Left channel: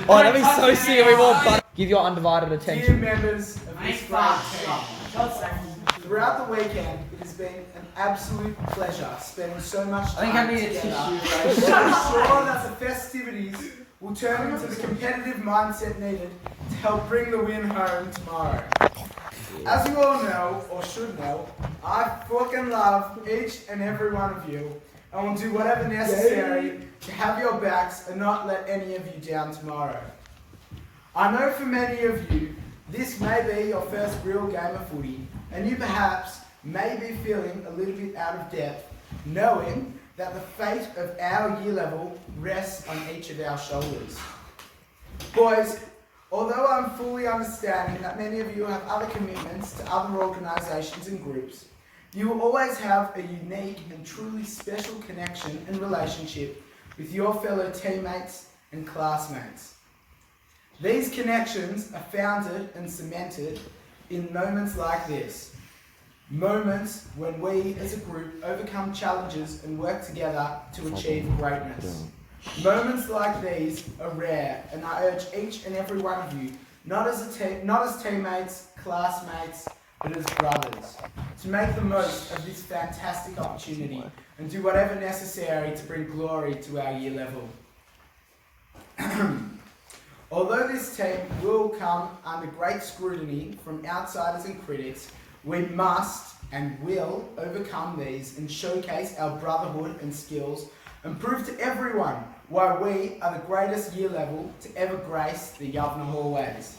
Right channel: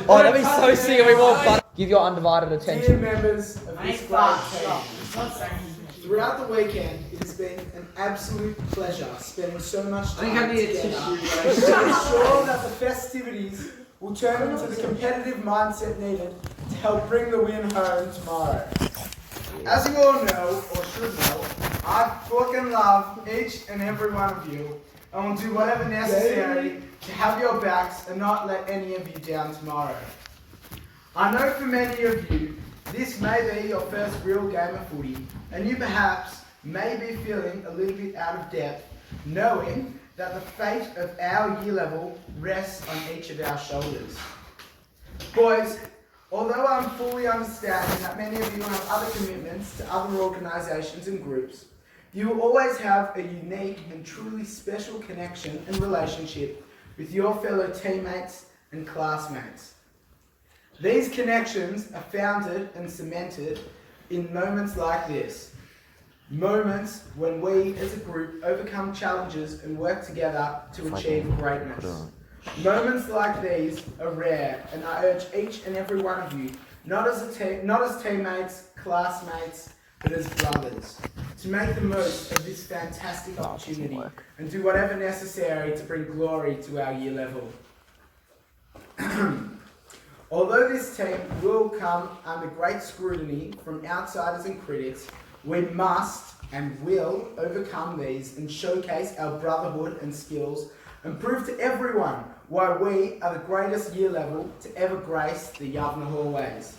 Oh, that'd be so sick. We want butter. Give your undivided Dear attention. members of this great team, throughout the weekend, it has been an absolute pleasure spending so much time together to ensure that the festivities will turn into the competitive mindset needed to help bring the win home tomorrow. As you all know, or should know, I fucking love each and every one of you and will do whatever necessary to have your backs and not let any of you down tomorrow. I know for many of you, this may be your first real game of footy, and you perhaps may be feeling a little bit out of depth, knowing that the fate of our year level rests on each of our shoulders. Boys, although I'm fully understanding that many of you have other commitments to other organisations and groups, you will always have a unique and truly special connection and relationship with your fellow teammates and classmates. These connections are founded and cemented in moments like this. Moments when we as a group overcome challenges and work together to achieve greatness. Moments like these are rare, and I urge each and every one of you, not as teammates, classmates, but as brothers, to make the most of this fantastic opportunity and do whatever necessary to bring glory to our year level. Although this team will come under great scrutiny from outsiders and critics, we must and will overcome these and showcase our brotherhood and skills and prove to everyone why we are the greatest year level to ever grace the Yavna hallways.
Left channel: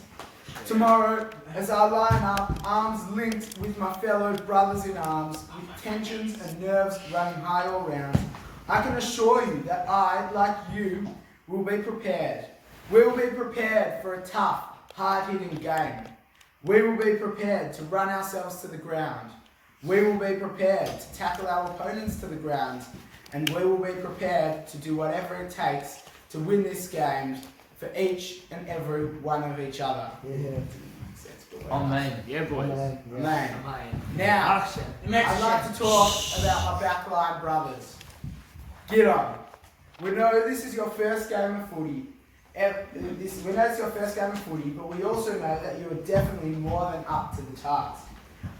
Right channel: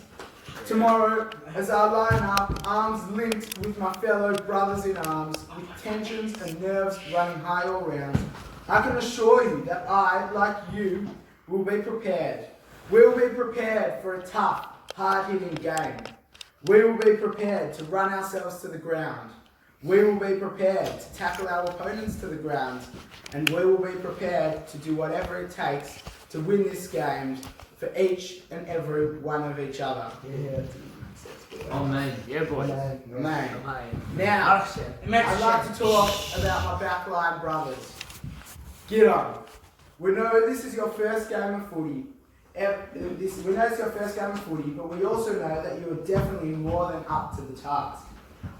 Tomorrow, as I line up, arms linked with my fellow brothers in arms, with tensions and nerves running high all round, I can assure you that I, like you, will be prepared. We will be prepared for a tough, hard-hitting game. We will be prepared to run ourselves to the ground. We will be prepared to tackle our opponents to the ground. And we will be prepared to do whatever it takes to win this game for each and every one of each other. Yeah. Amen. Yeah, boys. Amen. Now, I'd like to talk about my backline brothers. G'day. We know this is your first game of footy. We know it's your first game of footy, but we also know that you are definitely more than up to the task.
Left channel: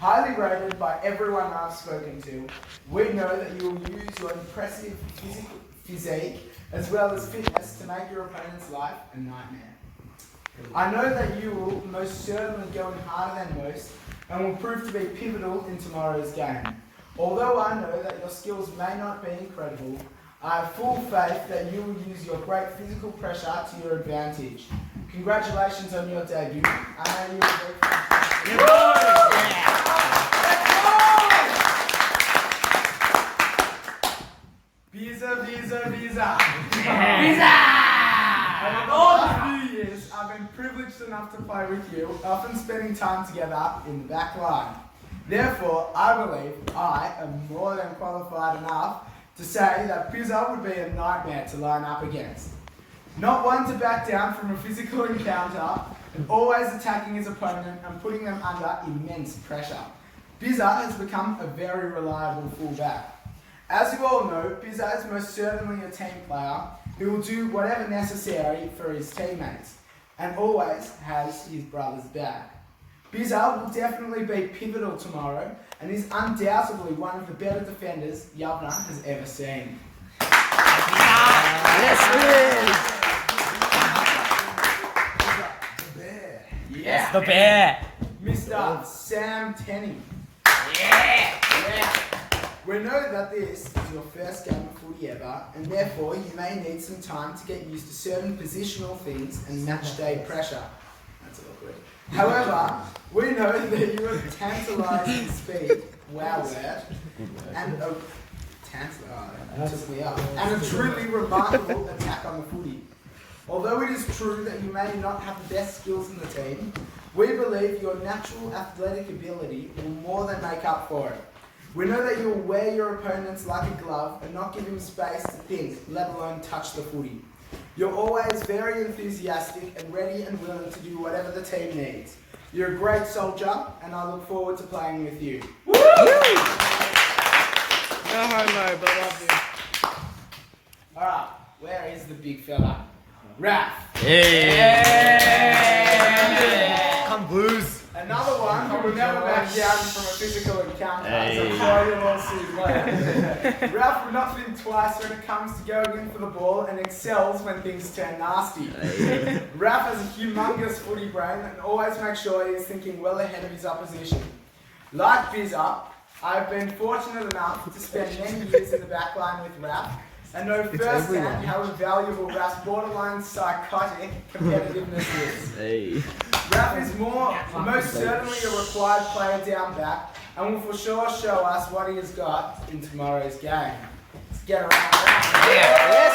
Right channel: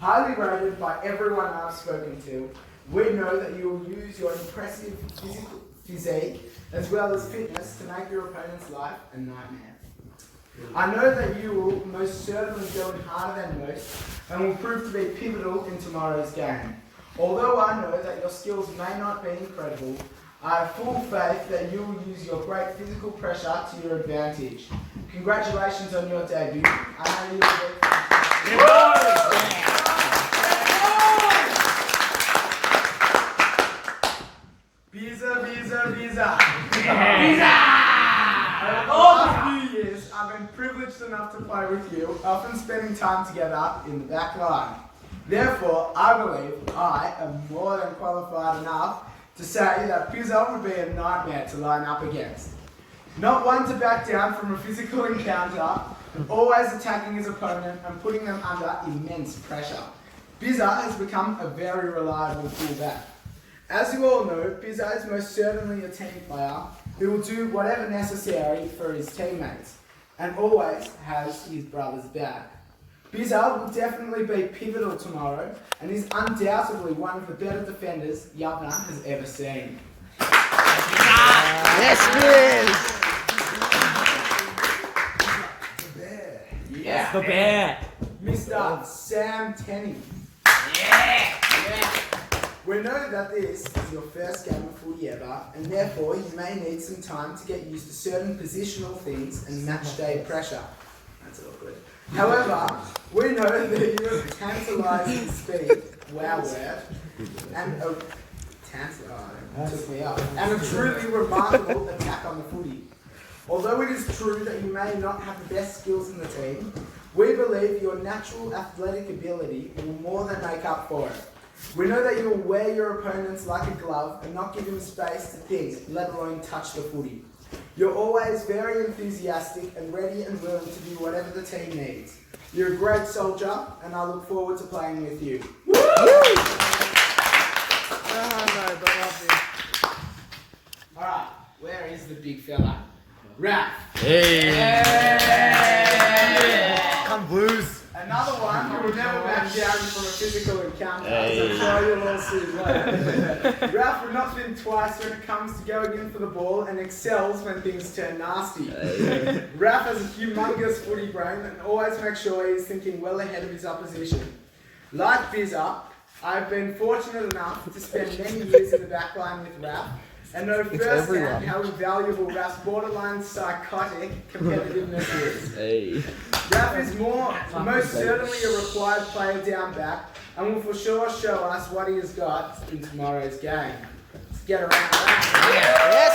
Highly rated by everyone I've spoken to, we know that you will use your impressive physique as well as fitness to make your opponent's life a nightmare. I know that you will most certainly go in harder than most and will prove to be pivotal in tomorrow's game. Although I know that your skills may not be incredible, I have full faith that you will use your great physical pressure to your advantage. Congratulations on your debut. I know you will be fantastic. Visa! Over the last few years, I've been privileged enough to play with you, often spending time together in the back line. Therefore, I believe I am more than qualified enough to say that Pizza would be a nightmare to line up against. Not one to back down from a physical encounter, and always attacking his opponent and putting them under immense pressure. Pizza has become a very reliable fullback. As you all know, Pizza is most certainly a team player who will do whatever necessary for his teammates and always has his brother's back. Pizza will definitely be pivotal tomorrow and is undoubtedly one of the better defenders Yavna has ever seen. Yes, Yeah. Yes, the bear. Mr. Sam Tenney. Yeah. We know that this is your first game of footy ever, and therefore you may need some time to get used to certain positional things and match day pressure. That's awkward. However, we know that you have tantalising speed, wow word, and a took me up, and a truly remarkable attack on the footy. Although it is true that you may not have the best skills in the team, we believe your natural athletic ability will more than make up for it. We know that you will wear your opponents like a glove and not give them space to think, let alone touch the footy. You're always very enthusiastic and ready and willing to do whatever the team needs. You're a great soldier, and I look forward to playing with you. Woo! Oh no, but love you. Alright, where is the big fella? Ralph. Come Blues. Another one who will never back down from a physical encounter. As I'm sure you'll all see later. Ralph will not think twice when it comes to going in for the ball and excels when things turn nasty. Ralph has a humongous footy brain and always makes sure he's thinking well ahead of his opposition. Like Bizza, I've been fortunate enough to spend many years in the back line with Ralph and know firsthand how invaluable Ralph's borderline psychotic competitiveness is. Hey. Ralph is most certainly a required player down back and will for sure show us what he has got in tomorrow's game. Let's get around Ralph. Yes,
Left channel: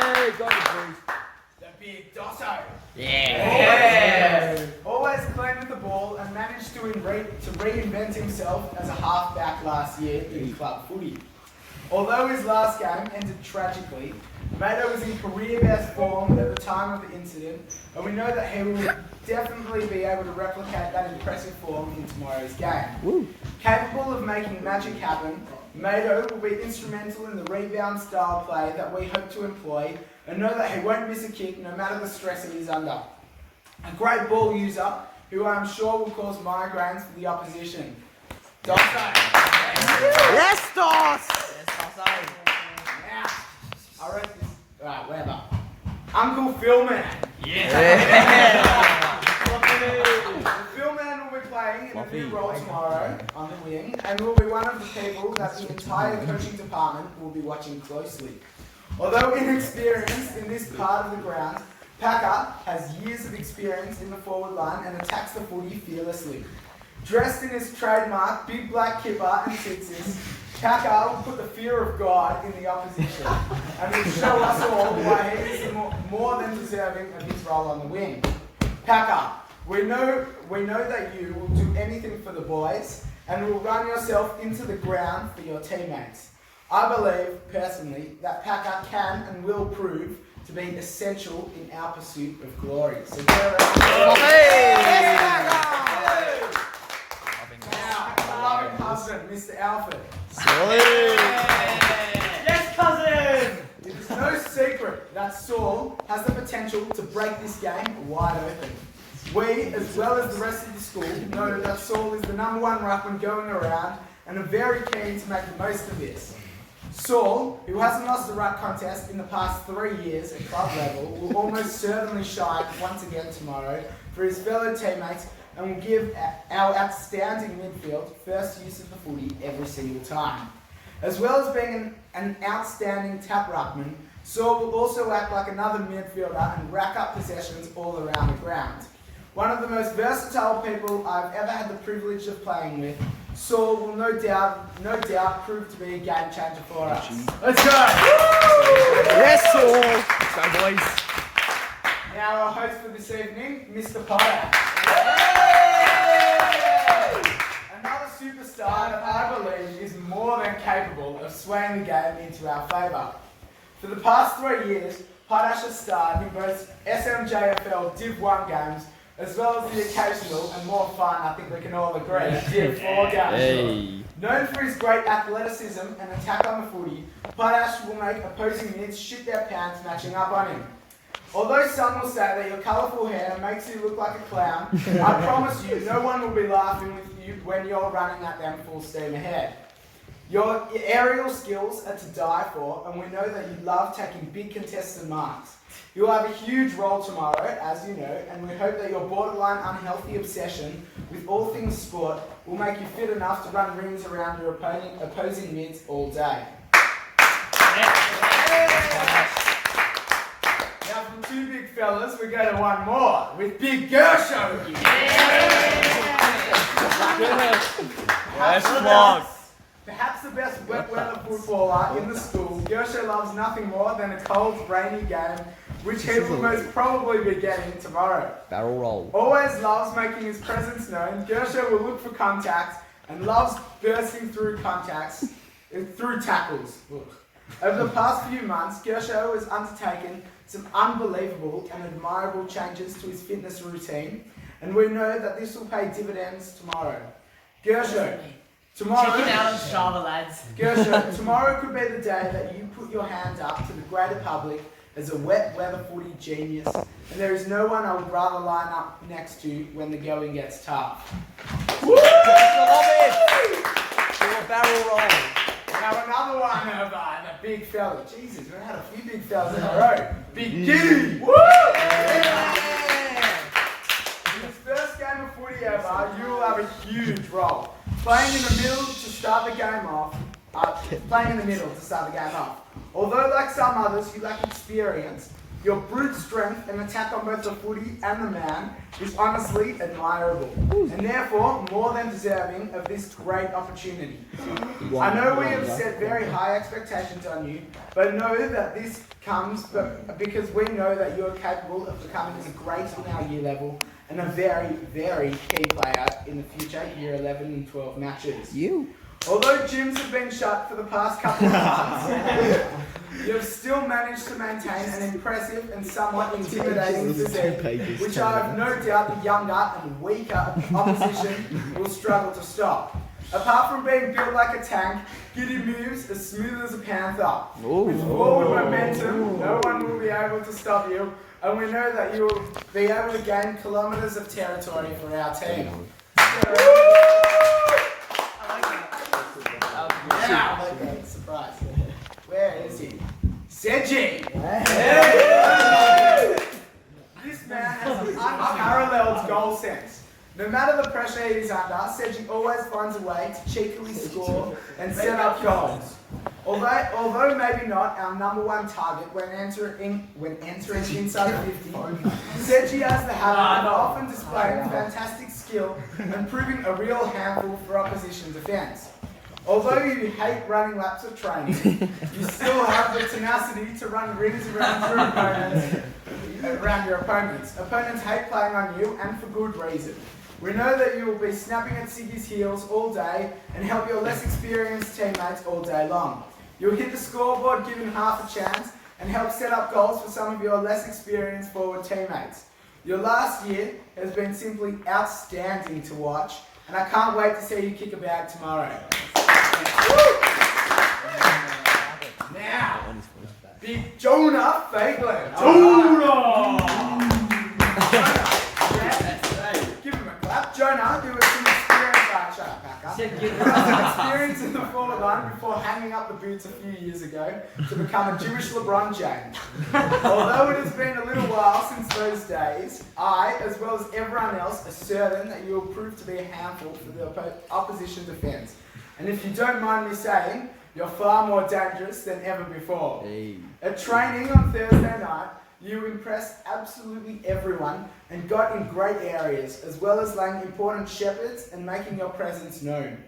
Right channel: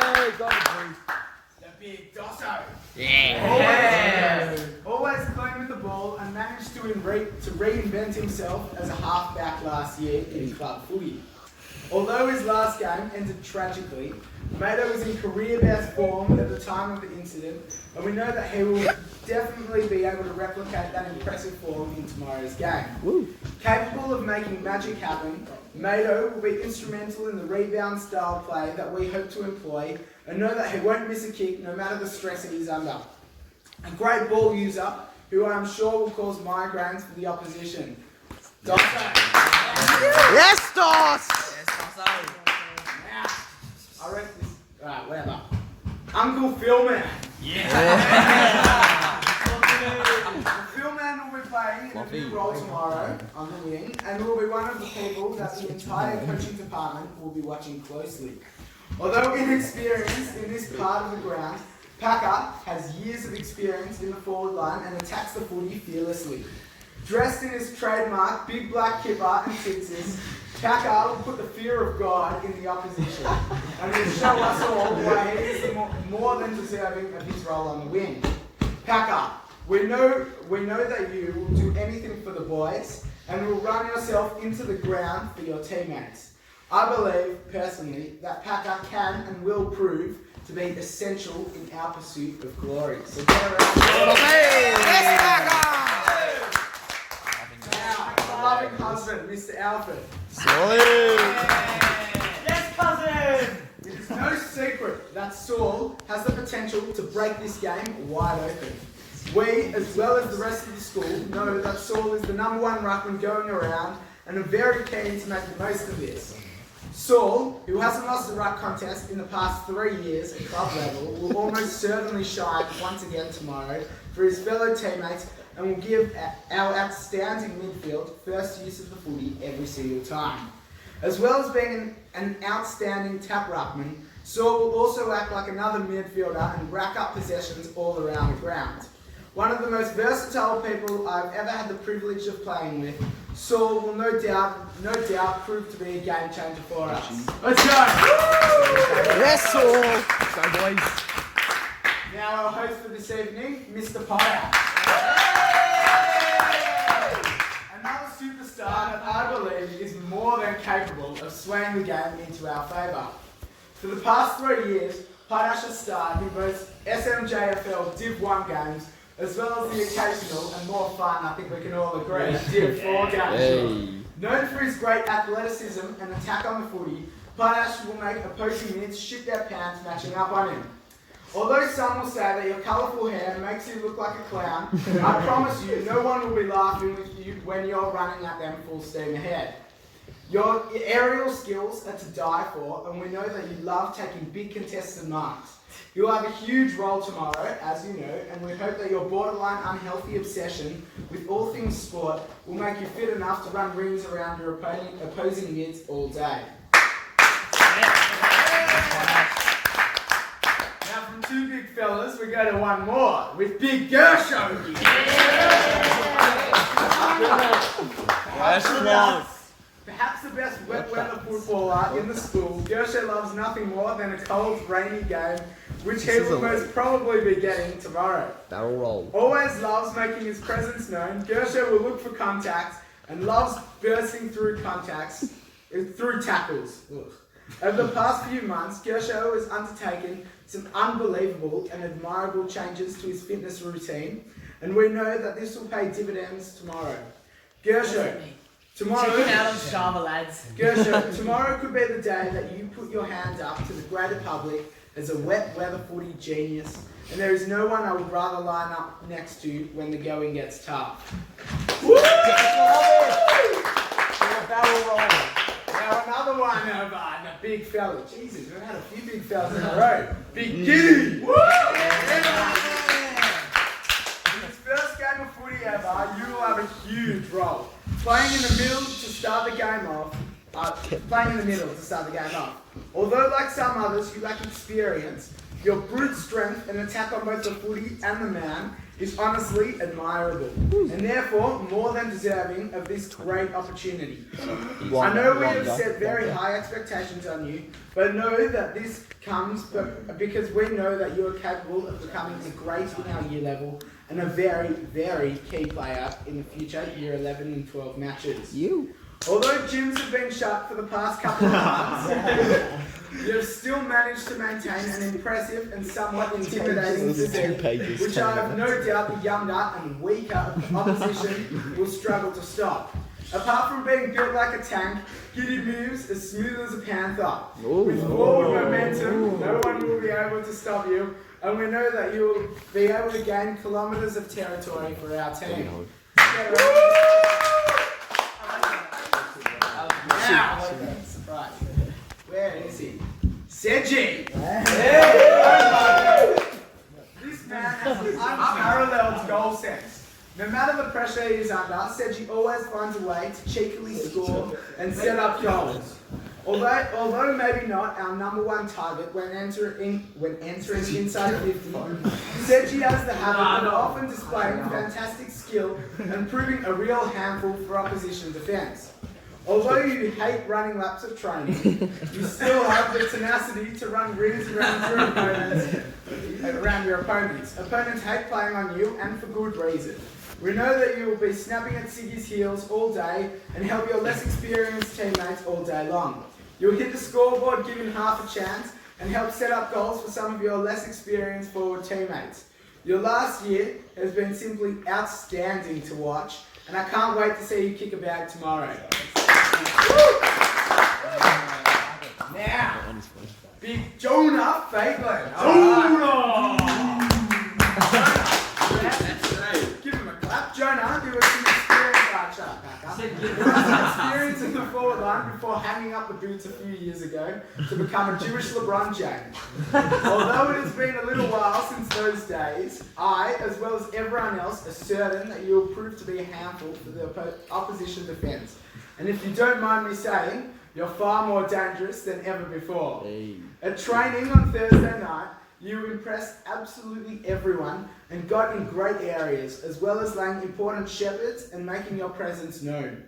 right. Got the Blues. The big Dosso. Yeah. Always playing with the ball and managed to reinvent himself as a halfback last year in club footy. Although his last game ended tragically, Mato was in career best form at the time of the incident, and we know that he will definitely be able to replicate that impressive form in tomorrow's game. Woo. Capable of making magic happen, Mato will be instrumental in the rebound style play that we hope to employ, and know that he won't miss a kick no matter the stress that he's under. A great ball user who I'm sure will cause migraines for the opposition. Yes, Dos! I reckon. Right, whatever. Uncle Philman. Yeah. Philman will be playing in the big role tomorrow on the wing and will be one of the people that the entire coaching department will be watching closely. Although inexperienced in this part of the ground, Packer has years of experience in the forward line and attacks the footy fearlessly. Dressed in his trademark big black kipper and sixes, Packer will put the fear of God in the opposition and will show us all why he is more than deserving of his role on the wing. Packer, we know that you will do anything for the boys and will run yourself into the ground for your teammates. I believe, personally, that Packer can and will prove to be essential in our pursuit of glory. So get around. Yes, Packer! Our loving husband, Mr. Alfred. Yes, cousin! It is no secret that Saul has the potential to break this game wide open. We, as well as the rest of the school, know that Saul is the number one ruckman going around and are very keen to make the most of this. Saul, who hasn't lost a ruck contest in the past 3 years at club level, will almost certainly shine once again tomorrow for his fellow teammates and will give our outstanding midfield first use of the footy every single time. As well as being an outstanding tap ruckman, Saul will also act like another midfielder and rack up possessions all around the ground. One of the most versatile people I've ever had the privilege of playing with, Saul will no doubt prove to be a game changer for us. Let's go! Yes, Saul! Go, boys. Now our host for this evening, Mr. Potter. Another superstar that I believe is more than capable of swaying the game into our favour. For the past 3 years, Potash has starred in both SMJFL Div 1 games as well as the occasional and more fun, I think we can all agree, Div 4 games. Hey. Known for his great athleticism and attack on the footy, Potash will make opposing mids shit their pants matching up on him. Although some will say that your colourful hair makes you look like a clown, I promise you, no one will be laughing with you when you're running at them full steam ahead. Your aerial skills are to die for, and we know that you love taking big contested marks. You'll have a huge role tomorrow, as you know, and we hope that your borderline unhealthy obsession with all things sport will make you fit enough to run rings around your opposing mids all day. Now from two big fellas, we go to one more, with Big Gersho. Perhaps the best wet weather footballer in the school, Gersho loves nothing more than a cold, rainy game, which he will most probably be getting tomorrow. Barrel roll. Always loves making his presence known, Gersho will look for contacts and loves bursting through tackles. Look. Over the past few months, Gersho has undertaken some unbelievable and admirable changes to his fitness routine, and we know that this will pay dividends tomorrow. Gersho, tomorrow... Check him out on Strava, lads. Gersho, tomorrow could be the day that you put your hand up to the greater public as a wet weather footy genius, and there is no one I would rather line up next to when the going gets tough. Woo! Barrel roll. Now another one of the big fella. Jesus, we've had a few big fellas in a row. Big Giddy! Woo! Yeah! In his first game of footy ever, you will have a huge role. Playing in the middle to start the game off. Although, like some others, you lack experience, your brute strength and attack on both the footy and the man is honestly admirable, and therefore more than deserving of this great opportunity. I know we have set very high expectations on you, but know that this comes because we know that you are capable of becoming a great in our year level and a very, very key player in the future year 11 and 12 matches. Although gyms have been shut for the past couple of months, you have still managed to maintain an impressive and somewhat intimidating physique, which I have no doubt the younger and weaker opposition will struggle to stop. Apart from being built like a tank, Giddy moves as smooth as a panther. With forward momentum, no one will be able to stop you, and we know that you will be able to gain kilometres of territory for our team. Now, surprise. Where is he? Seji! This man has an unparalleled goal sense. No matter the pressure he is under, Seji always finds a way to cheekily score and set up goals. Although maybe not our number one target when entering inside 50, Seji has the habit of often displaying fantastic skill and proving a real handful for opposition defence. Although you hate running laps of trains, you still have the tenacity to run rings around your opponents. Opponents hate playing on you, and for good reason. We know that you will be snapping at Siggy's heels all day and help your less experienced teammates all day long. You'll hit the scoreboard given half a chance and help set up goals for some of your less experienced forward teammates. Your last year has been simply outstanding to watch, and I can't wait to see you kick a bag tomorrow. Now, Big Jonah Faitland. Give him a clap. Jonah, who was some experience in the forward line before hanging up the boots a few years ago to become a Jewish LeBron James. Although it has been a little while since those days, I, as well as everyone else, are certain that you will prove to be a handful for the opposition defence. And if you don't mind me saying, you're far more dangerous than ever before. At training on Thursday night, you impressed absolutely everyone and got in great areas, as well as laying important shepherds and making your presence known.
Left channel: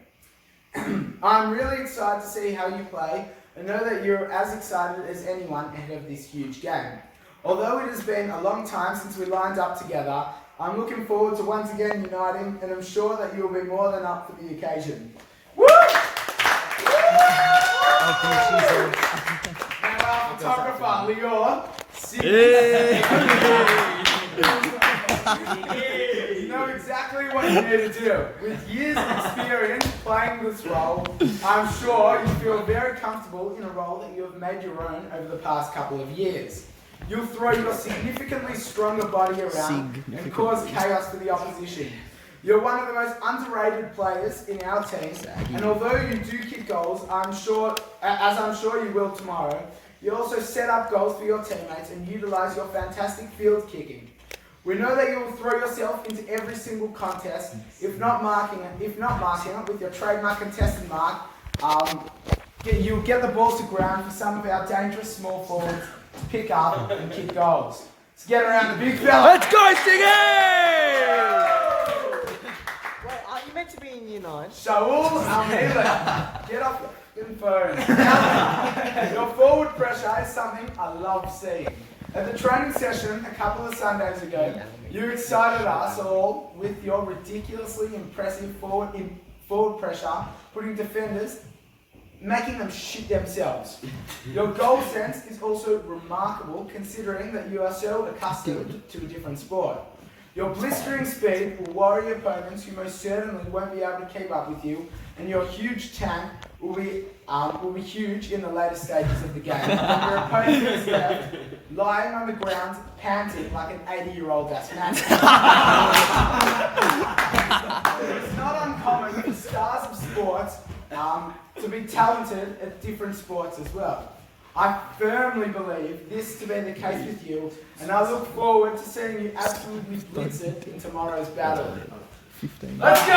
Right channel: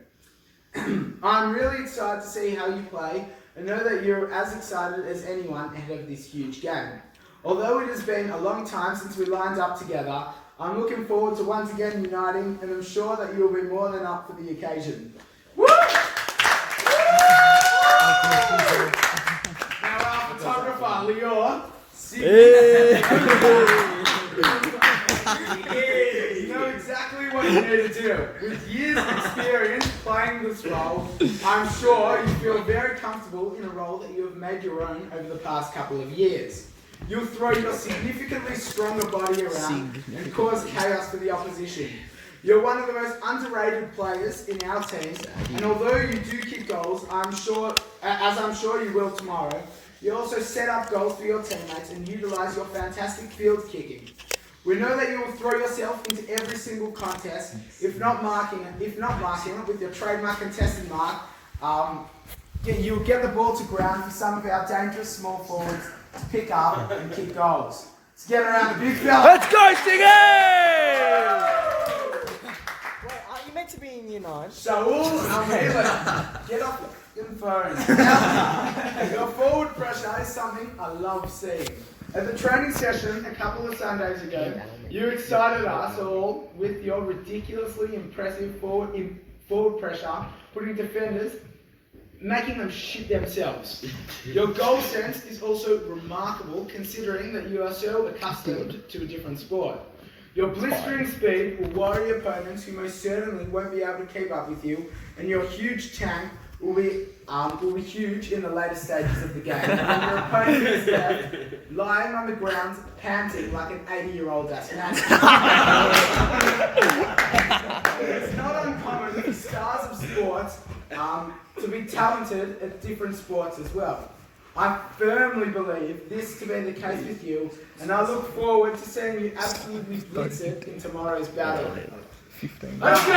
I'm really excited to see how you play and know that you're as excited as anyone ahead of this huge game. Although it has been a long time since we lined up together, I'm looking forward to once again uniting, and I'm sure that you'll be more than up for the occasion. Woo! Now our photographer, Lior. You know exactly what you need to do. With years of experience playing this role, I'm sure you feel very comfortable in a role that you have made your own over the past couple of years. You'll throw your significantly stronger body around and cause chaos for the opposition. You're one of the most underrated players in our team, and although you do kick goals, I'm sure you will tomorrow, you also set up goals for your teammates and utilise your fantastic field kicking. We know that you will throw yourself into every single contest, if not marking it with your trademark contested mark. You'll get the ball to ground for some of our dangerous small forwards to pick up and kick goals. Let's get around the big fella. Let's go, Siggy! Wait, aren't you meant to be in year 9? Shaul Almila, get off the phone. Your forward pressure is something I love seeing. At the training session a couple of Sundays ago, you excited us all with your ridiculously impressive forward pressure, putting defenders, making them shit themselves. Your goal sense is also remarkable considering that you are so accustomed to a different sport. Your blistering speed will worry opponents who most certainly won't be able to keep up with you, and your huge tank will be huge in the later stages of the game. And the opponent is left lying on the ground, panting like an 80-year-old asthmatic. It's not uncommon for stars of sports to be talented at different sports as well. I firmly believe this to be the case with you, and I look forward to seeing you absolutely blitz it in tomorrow's battle. 15. Let's go!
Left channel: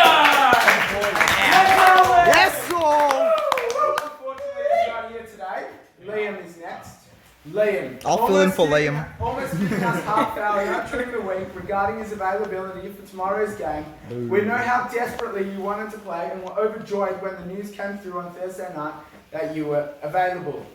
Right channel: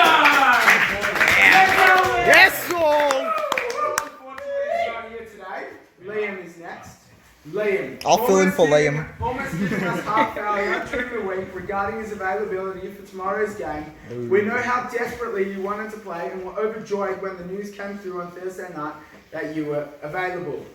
Yes, all! Unfortunately, he's not here today. Liam is next. Liam. I'll fill in for Liam. Almost giving us half failure during the week regarding his availability for tomorrow's game. We know how desperately you wanted to play and were overjoyed when the news came through on Thursday night that you were available.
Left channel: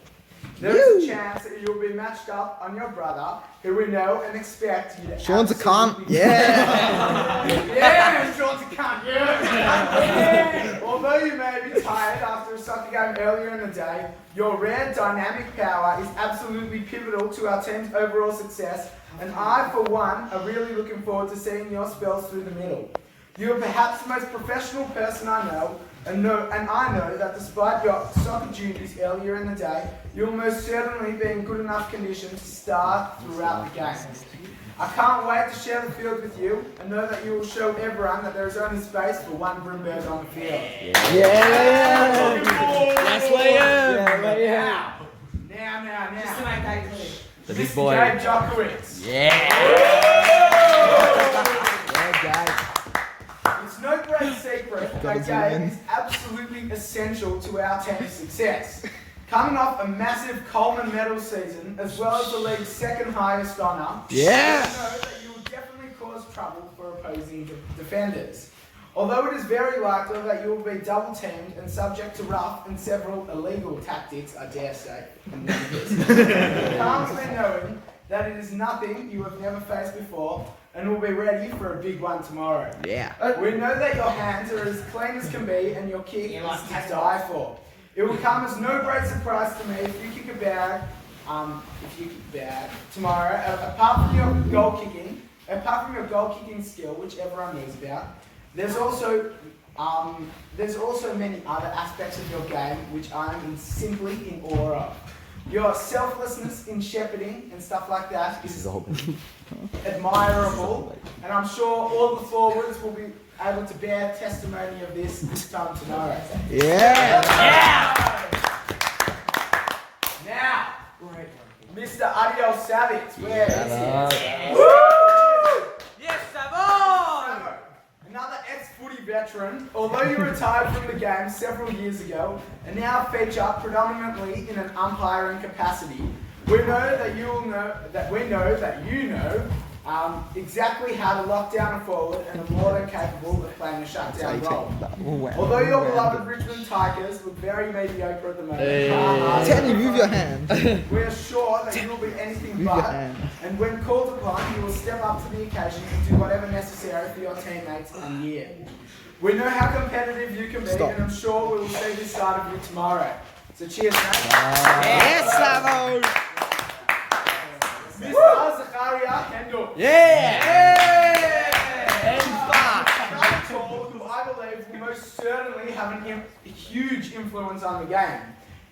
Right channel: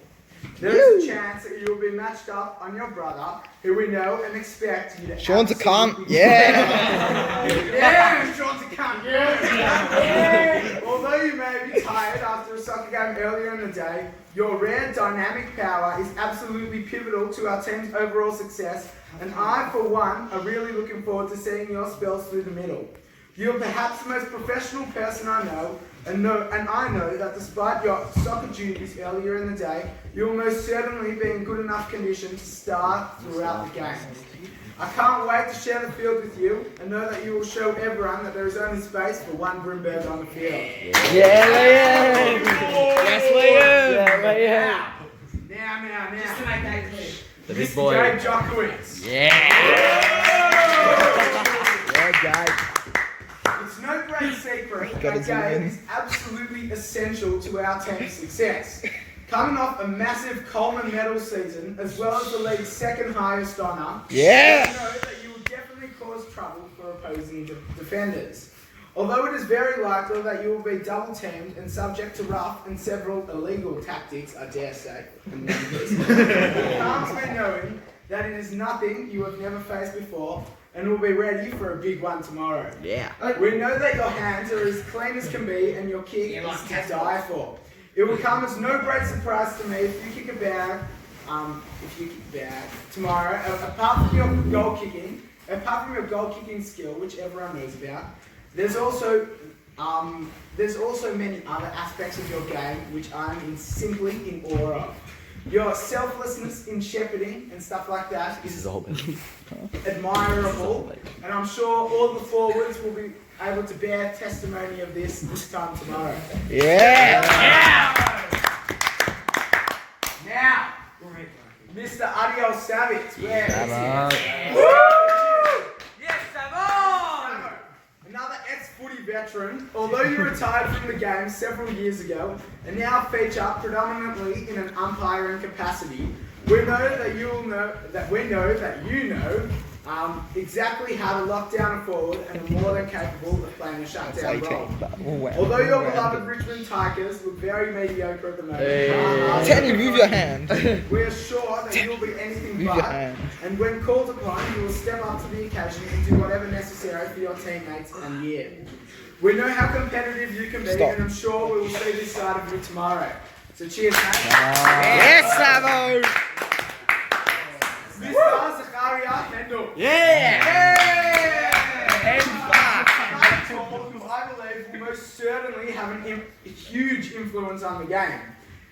There is a chance that you will be matched up on your brother, who we know and expect you to. Sean's a cunt. Yeah. Yeah, Sean's a cunt. Yeah. Although you may be tired after a soccer game earlier in the day, your rare dynamic power is absolutely pivotal to our team's overall success, and I, for one, are really looking forward to seeing your spells through the middle. You are perhaps the most professional person I know, and I know that despite your soccer duties earlier in the day, you will most certainly be in good enough condition to start throughout the game. I can't wait to share the field with you and know that you will show everyone that there is only space for one Broomberg on the field. Yeah, Liam! Yes, Liam! Now. Just to make that clear. The big boy. Mr. Dave Jokowitz. Yeah, Jake. It's no great secret that game is absolutely essential to our team's success. Coming off a massive Coleman medal season, as well as the league's second highest honour, Yeah. I know that you will definitely cause trouble for opposing defenders. Although it is very likely that you will be double teamed and subject to rough and several illegal tactics, I dare say, it calms me knowing that it is nothing you have never faced before, and will be ready for a big one tomorrow. Yeah. We know that your hands are as clean as can be and your kick is to die for. It will come as no great surprise to me if you kick a bag, tomorrow, apart from your goal kicking skill, which everyone knows about. There's also many other aspects of your game which I'm simply in awe of. Your selflessness in shepherding and stuff like that is admirable, and I'm sure all the forwards will be able to bear testimony of this time tomorrow. Yeah. Now, Mr. Adiel Savage, where is he? Yes, Savon! Another ex-footy veteran, although you retired from the game several years ago and now feature predominantly in an umpiring capacity, we know that you know exactly how to lock down a forward and are more than capable of playing a shutdown role. Although your beloved Richmond Tigers look very mediocre at the moment, Teddy, move your hand. we are sure that you will be anything Move but, your hand. and when called upon, you will step up to the occasion and do whatever necessary for your teammates and year. We know how competitive you can be, and I'm sure we will see this side of you tomorrow. So cheers, mate. Yes, Savo. Mr. Zakaria Hendel. Who I believe will most certainly have a huge influence on the game.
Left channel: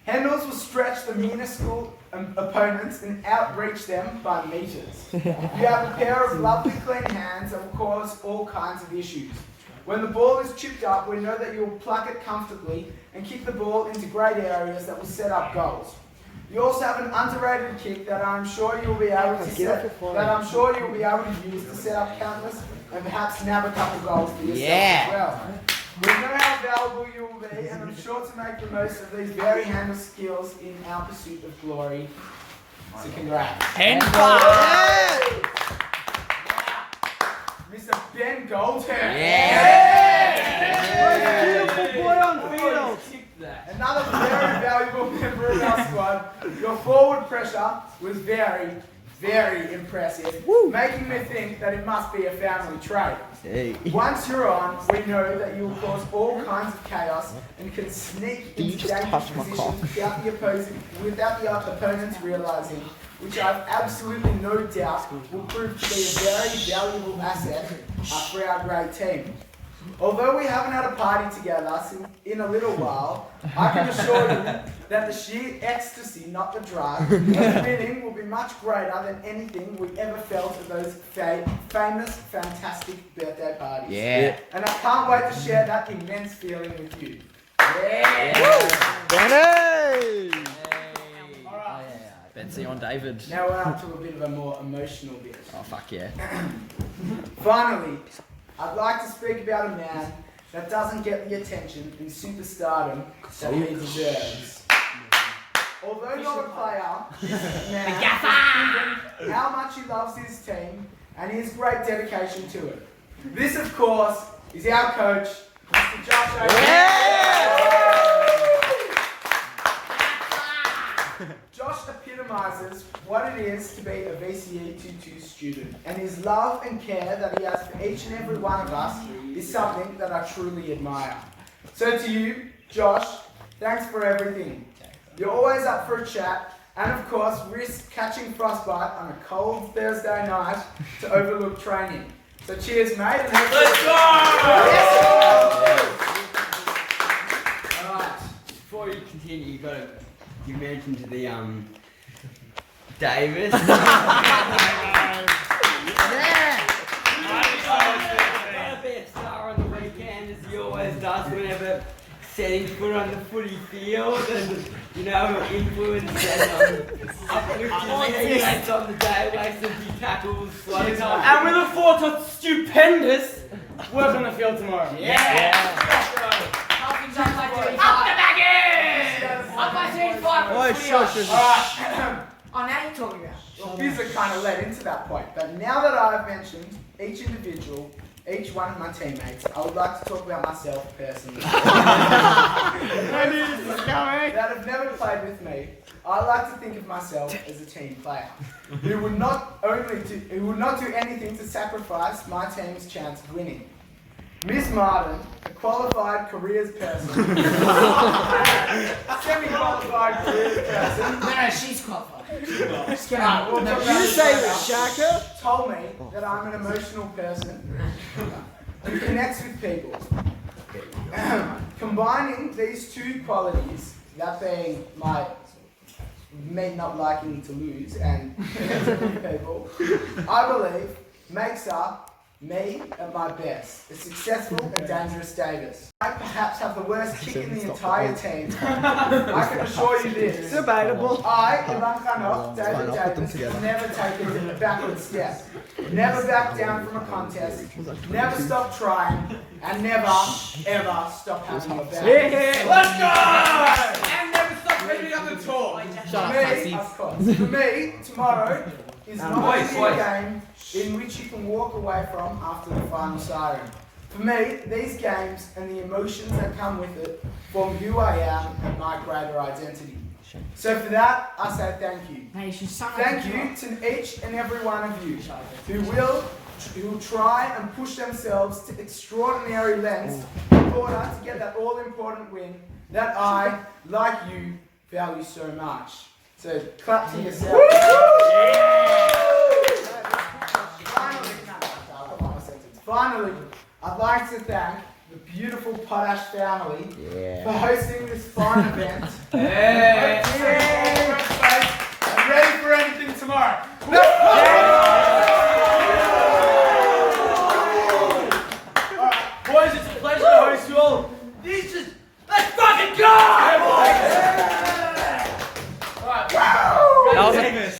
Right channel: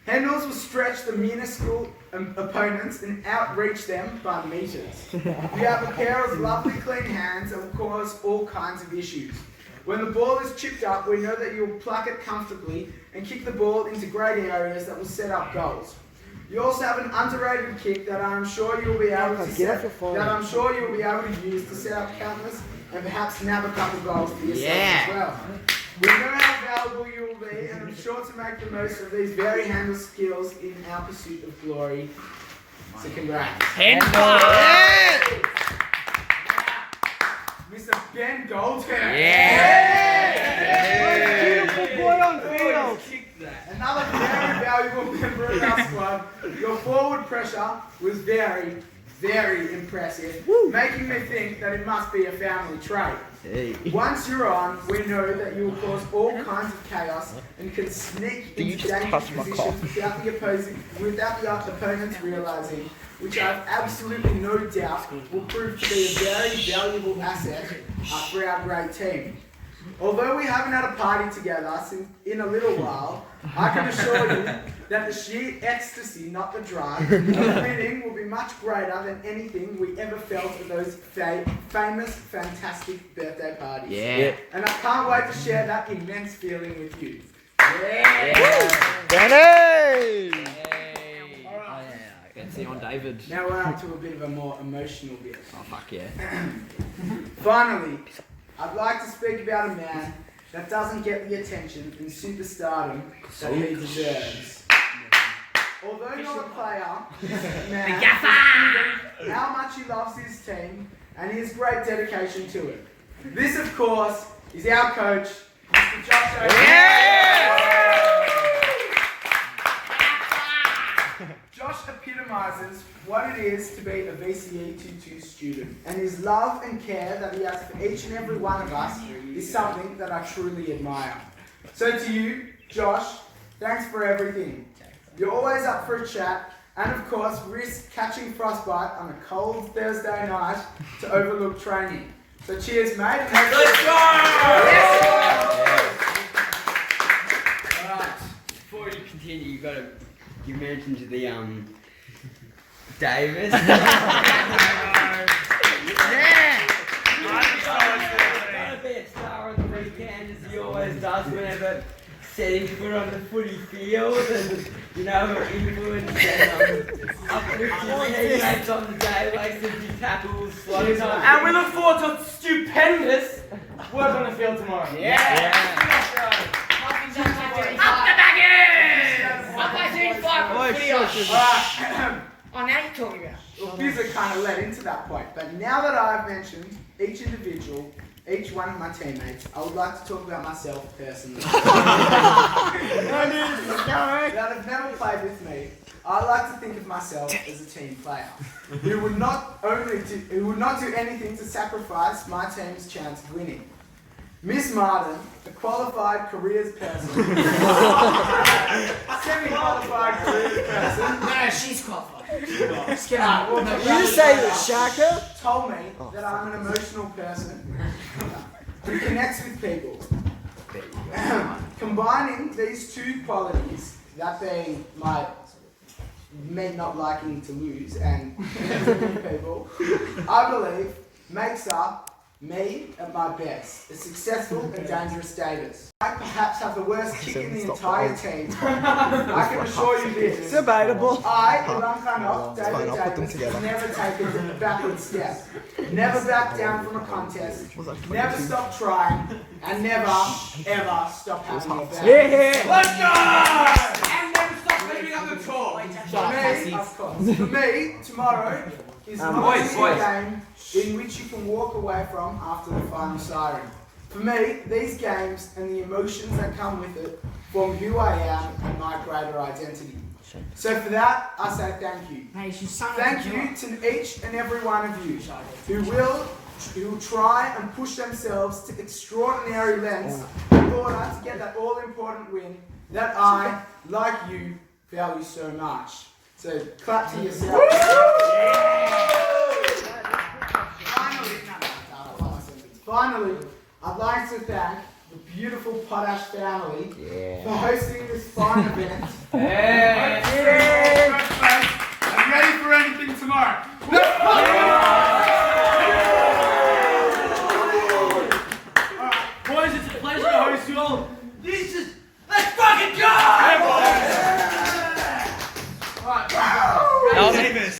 Hendels will stretch the minuscule opponents and outreach them by meters. You have a pair of lovely clean hands that will cause all kinds of issues. When the ball is chipped up, we know that you'll pluck it comfortably and kick the ball into great areas that will set up goals. You also have an underrated kick that I'm sure you'll be able to use to set up countless and perhaps nab a couple goals for yourself as well. We know how valuable you will be, and I'm sure to make the most of these very handle skills in our pursuit of glory. So congrats. Mr. Ben Goldhair. Beautiful boy on field. Another very valuable member of our squad. Your forward pressure was very, very impressive, making me think that it must be a family trait. Once you're on, we know that you will cause all kinds of chaos and can sneak into dangerous positions without the opponents realising, which I have absolutely no doubt will prove to be a very valuable asset for our great team. Although we haven't had a party together in a little while, I can assure you that the sheer ecstasy, not the drug, of winning will be much greater than anything we ever felt at those famous, fantastic birthday parties. Yeah. And I can't wait to share that immense feeling with you. Danny! Fancy on David. Now we're up to a bit of a more emotional bit. Oh, fuck yeah. Finally, I'd like to speak about a man that doesn't get the attention and superstardom that he deserves. Although not a player, this man has proven how much he loves his team and his great dedication to it. This, of course, is our coach, Mr. Josh O'Hara. Josh epitomizes what it is to be a VCE 22 student, and his love and care that he has for each and every one of us is something that I truly admire. So to you, Josh, thanks for everything. You're always up for a chat, and of course risk catching frostbite on a cold Thursday night to overlook training. So cheers, mate. And let's go! Yes! Alright, before you continue, you mentioned the Davis. Yeah! Be a star on the weekend as he always does whenever setting foot on the footy field and, you know, influence and uplifting teammates on the day, makes a few tackles, slowing up. And we look forward to stupendous work on the field tomorrow. Oh, now you're talking about. These are kind of led into that point, but now that I've mentioned each individual, each one of my teammates, I would like to talk about myself personally. That have never played with me, I like to think of myself as a team player who would not do anything to sacrifice my team's chance of winning. Miss Martin, a qualified careers person, semi-qualified careers person. No, she's qualified. Just kidding. We'll talk about You this say later. Shaka? Told me that I'm an emotional person who connects with people. Combining these two qualities, that being me not liking to lose and connecting with people, I believe makes up me at my best, a successful and dangerous Davis. I perhaps have the worst kick in the entire team. I can assure you this. It's debatable. I, Ivan Khanov, David Fine, I'll put them Davis, together. never take a backward step. Never back down from a contest. Never stop trying. And never, ever stop having your back. Let's go! And never stop leaving on the tour. For me, tomorrow is not a game in which you can walk away from after the final siren. For me, these games and the emotions that come with it form who I am and my greater identity. So for that, I say thank you. Thank you to each and every one of you who will try and push themselves to extraordinary lengths in order to get that all-important win that I, like you, value so much. So clap to yourself. Finally, I'd like to thank the beautiful Potash family for hosting this fine event. I'm ready for anything tomorrow.